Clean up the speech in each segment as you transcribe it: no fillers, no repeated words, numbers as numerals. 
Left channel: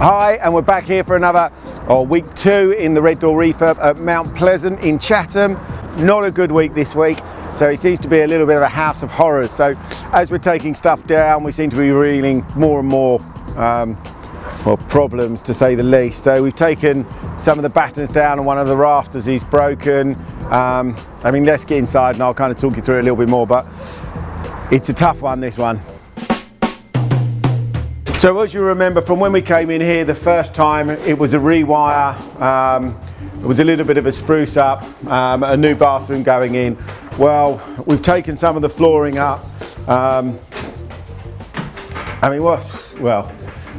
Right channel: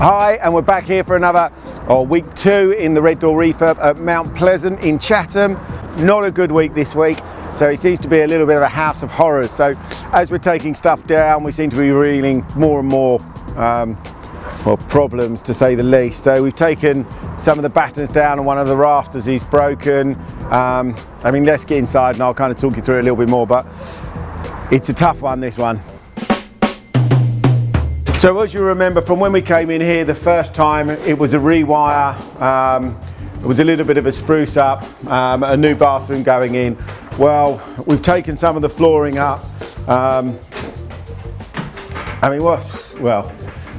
Hi, and we're back here for another week 2 in the RedDoor refurb at Mount Pleasant in Chatham. Not a good week this week, so it seems to be a little bit of a house of horrors. So as we're taking stuff down, we seem to be reeling more and more problems, to say the least. So we've taken some of the battens down and one of the rafters is broken. I mean, let's get inside and I'll kind of talk you through it a little bit more, but it's a tough one, this one. So as you remember from when we came in here the first time, it was a rewire, it was a little bit of a spruce up, a new bathroom going in. Well, we've taken some of the flooring up. I mean, well,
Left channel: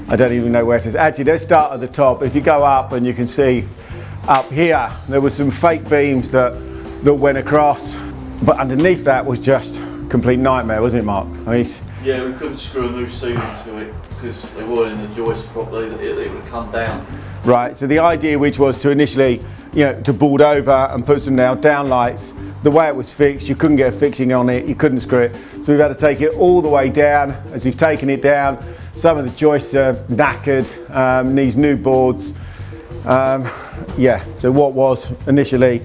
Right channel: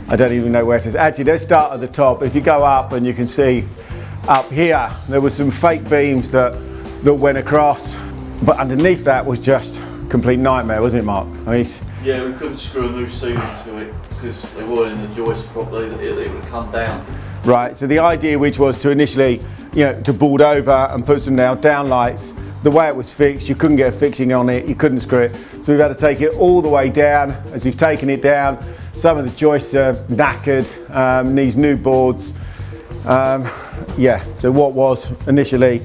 I don't even know where it is. Actually, let's start at the top. If you go up and you can see up here, there were some fake beams that went across, but underneath that was just a complete nightmare, wasn't it, Mark? I mean, yeah, we couldn't screw a new ceiling to it because they weren't in the joist properly, it would have come down. Right, so the idea which was to initially, to board over and put some down lights. The way it was fixed, you couldn't get a fixing on it, you couldn't screw it. So we've had to take it all the way down. As we've taken it down, some of the joists are knackered, needs new boards. So what was initially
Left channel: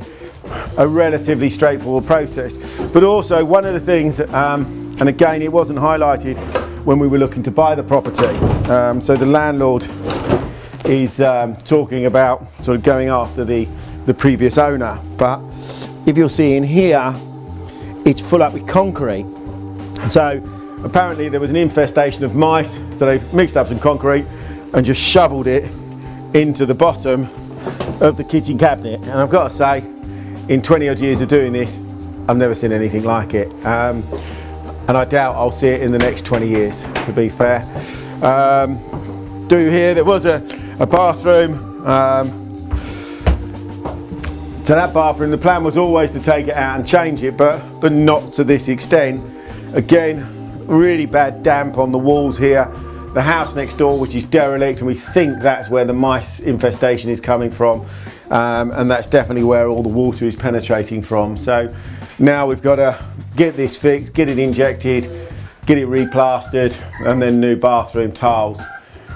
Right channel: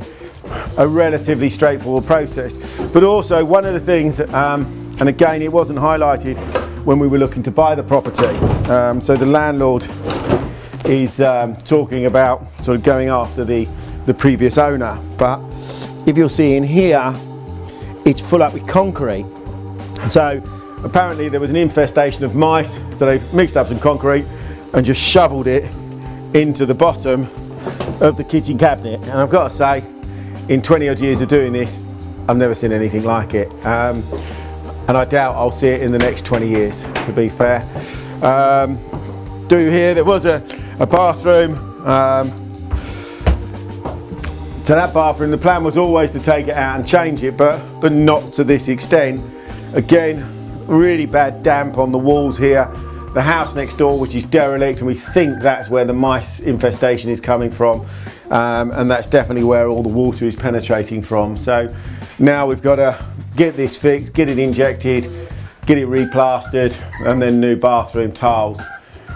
a relatively straightforward process. But also one of the things, and again, it wasn't highlighted when we were looking to buy the property. So the landlord is talking about sort of going after the previous owner. But if you'll see in here, it's full up with concrete. So apparently there was an infestation of mice, so they've mixed up some concrete and just shoveled it into the bottom of the kitchen cabinet. And I've got to say, in 20 odd years of doing this, I've never seen anything like it. And I doubt I'll see it in the next 20 years, to be fair. Here, there was a bathroom. So that bathroom, the plan was always to take it out and change it, but not to this extent. Again, really bad damp on the walls here. The house next door, which is derelict, and we think that's where the mice infestation is coming from. And that's definitely where all the water is penetrating from. So now we've got to get this fixed, get it injected, get it replastered, and then new bathroom tiles,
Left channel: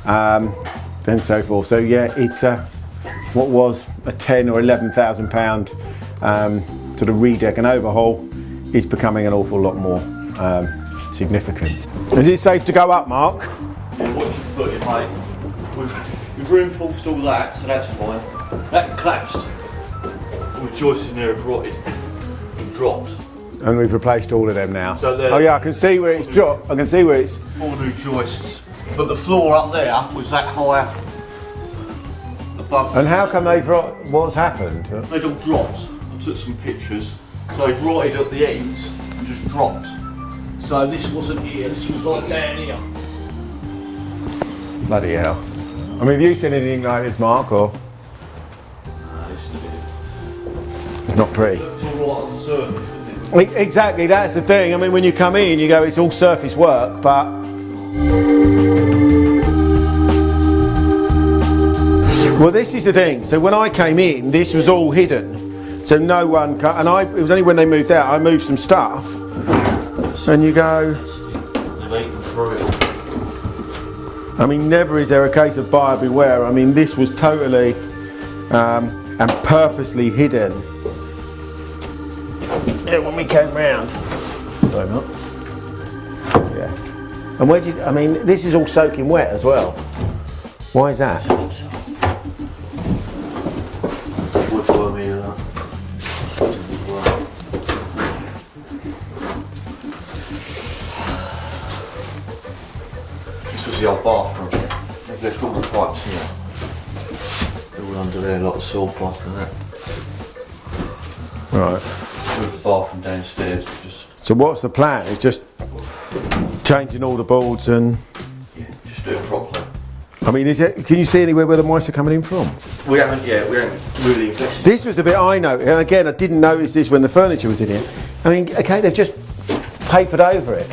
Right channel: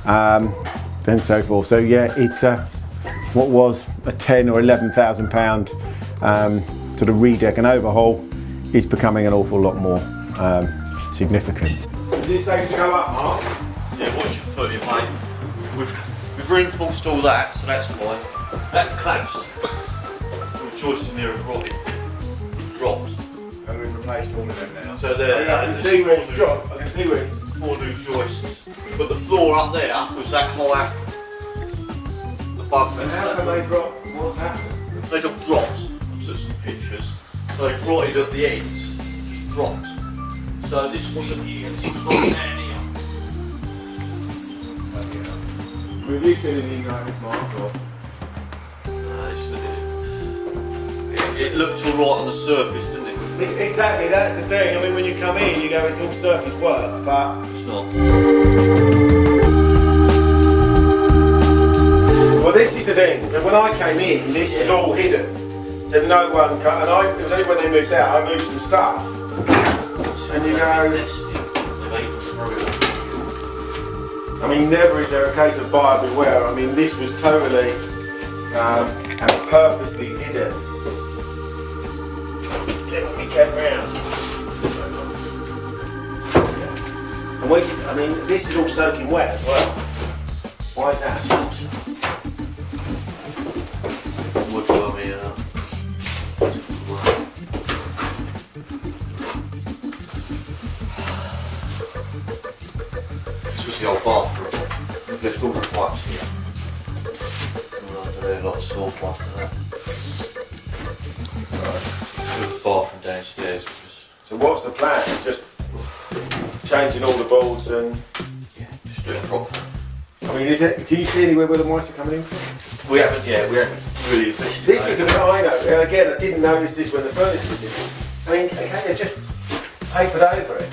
and so forth. So yeah, it's what was a 10 or 11,000 pound sort of redeck and overhaul is becoming an awful lot more significant. Is it safe to go up, Mark? Yeah, watch your foot, mate. We've reinforced all that, so that's fine. That collapsed. The joists in there have rotted and dropped. And we've replaced all of them now. So oh yeah, I can see where it's dropped. I can see where it's... 4 new joists. But the floor up there was that high above. And how come they've dropped? What's happened? They'd all dropped. I took some pictures. So they rotted at the ends and just dropped. So this wasn't here, this was like down here. Bloody hell. I mean, have you seen anything like this, Mark, or? It's not pretty. It looked all right on the surface, didn't it? I mean, exactly, that's the thing. I mean, when you come in, you go, it's all surface work, but... It's not. Well, this is the thing. So when I came in, this was all hidden. So no one... it was only when they moved out, I moved some stuff. And you go... I mean, never is there a case of buyer beware. I mean, this was totally and purposely hidden. Yeah, when we came round. Sorry, not. Yeah. And I mean, this is all soaking wet as well. Why is that? This was the old bathroom. There's all the pipes in there. All under there, a lot of saw cloth and that. Right. There's the bathroom downstairs. So what's the plan? It's just changing all the boards and... Yeah, just do it properly. I mean, can you see anywhere where the mice are coming in from? We haven't really investigated. This was the bit I know, and again, I didn't notice this when the furniture was in here. I mean, okay, they've just papered over it.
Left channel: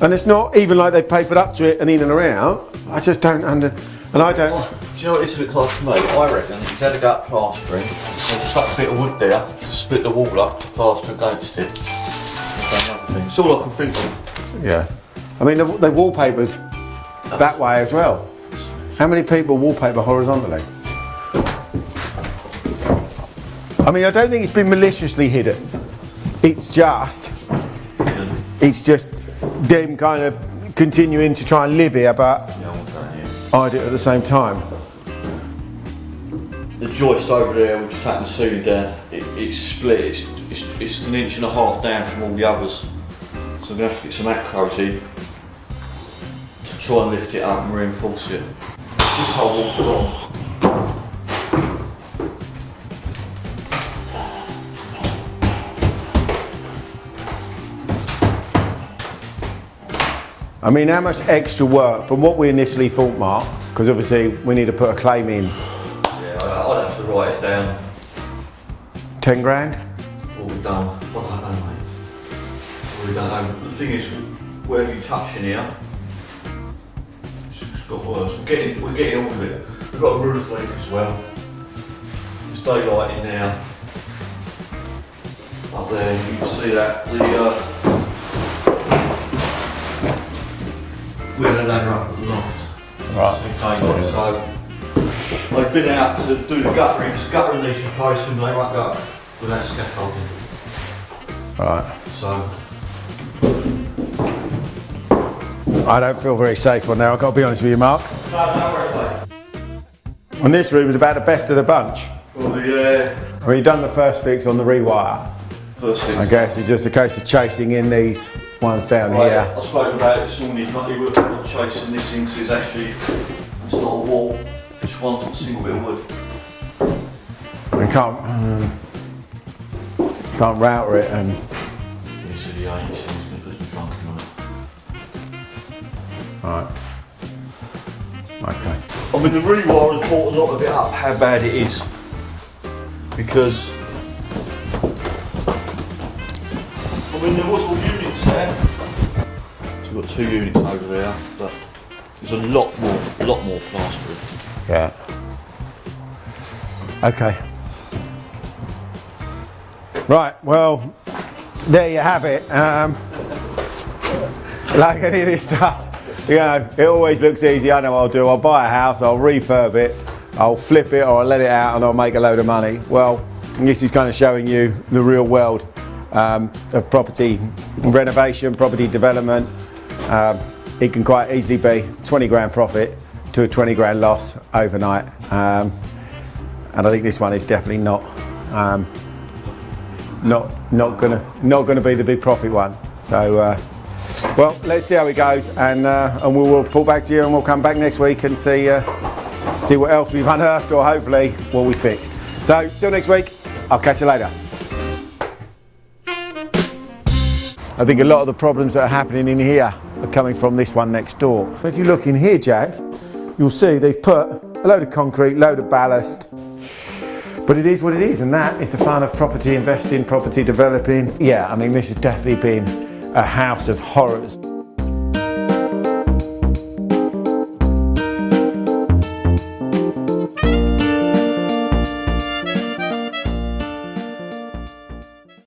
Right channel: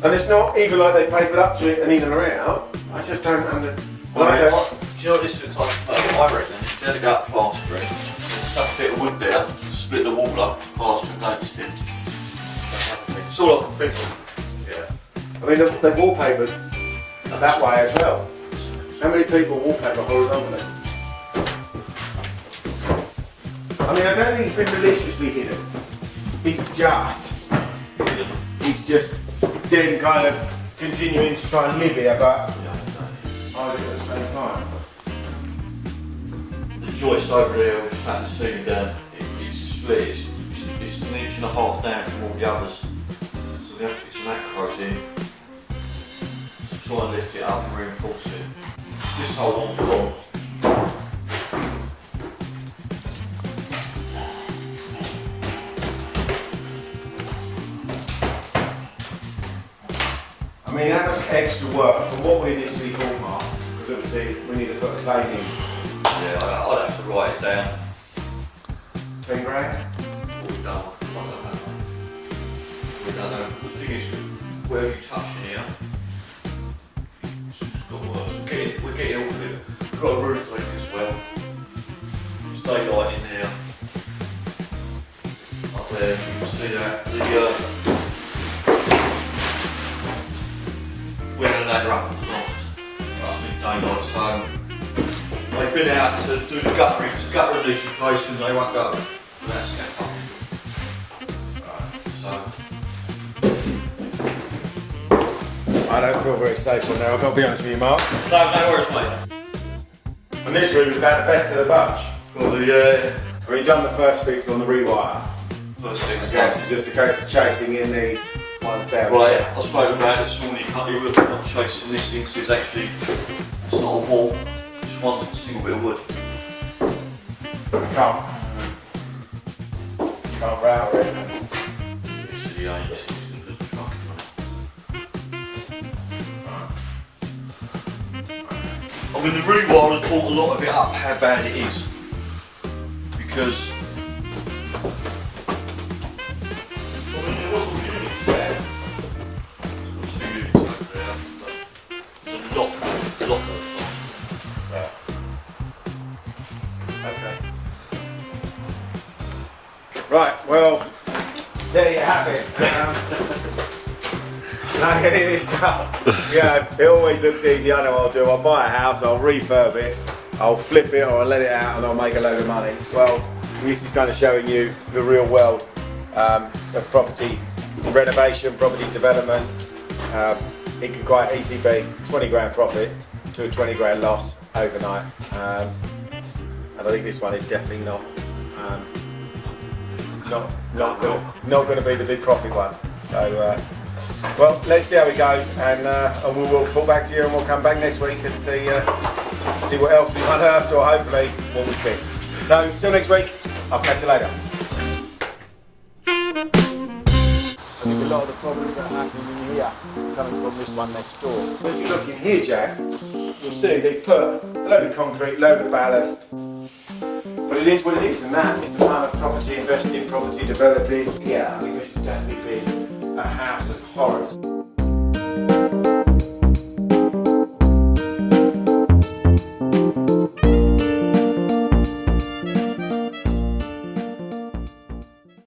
And it's not even like they've papered up to it and in and around. I just don't Do you know what this looks like to me? I reckon he's had to go up plastering, and stuck a bit of wood there to split the wall up, plaster against it. It's all I can think of. Yeah. I mean, they wallpapered that way as well. How many people wallpaper horizontally? I mean, I don't think it's been maliciously hidden. It's just then kind of continuing to try and live here, but I do it at the same time. The joist over there, which is taking the ceiling down, it's split. It's an inch and a half down from all the others. So I'm going to have to get some acros in to try and lift it up and reinforce it. This whole wall's gone. I mean, how much extra work from what we initially thought, Mark? Because obviously we need to put a claim in. Yeah, I'd have to write it down. 10 grand? What we've done. I don't know, mate. We don't know. The thing is, wherever you touch in here, it's got worse. We're getting all of it. We've got a roof leak as well. There's daylight in there. Up there, you can see that. We're going to ladder up the loft. Right. So they've been out to do the gutter and leaching posts, and they won't go without scaffolding. Right. So I don't feel very safe on now, I've got to be honest with you, Mark. no worries, mate. And this room is about the best of the bunch. Well, yeah. I mean, you've done the first fix on the rewire. First thing. I guess it's just a case of chasing in these ones down Right, here. I spoke about it this morning. You can't do it. Not chasing this thing. So it's actually it's not a wall. It's one single bit of wood. We can't router it and This is the 8. It's going to be trucking, mate. right. Okay. I mean, the rewire has brought a lot of it up. How bad it is, because I mean there was all units there. So we've got 2 units over there, but there's a lot more plastering. Yeah. Okay. Right, well, there you have it. Like any of this stuff, you know, it always looks easy. I know what I'll do. I'll buy a house, I'll refurb it, I'll flip it, or I'll let it out and I'll make a load of money. Well, this is kind of showing you the real world of property renovation, property development. It can quite easily be 20 grand profit to a 20 grand loss overnight. And I think this one is definitely not gonna be the big profit one. So, well, let's see how it goes, and we will report back to you, and we'll come back next week and see what else we've unearthed, or hopefully what we fixed. So, till next week, I'll catch you later. I think a lot of the problems that are happening in here are coming from this one next door. As you look in here, Jag, you'll see they've put a load of concrete, load of ballast. But it is what it is, and that is the fun of property investing, property developing. Yeah, I mean, this has definitely been a house of horrors.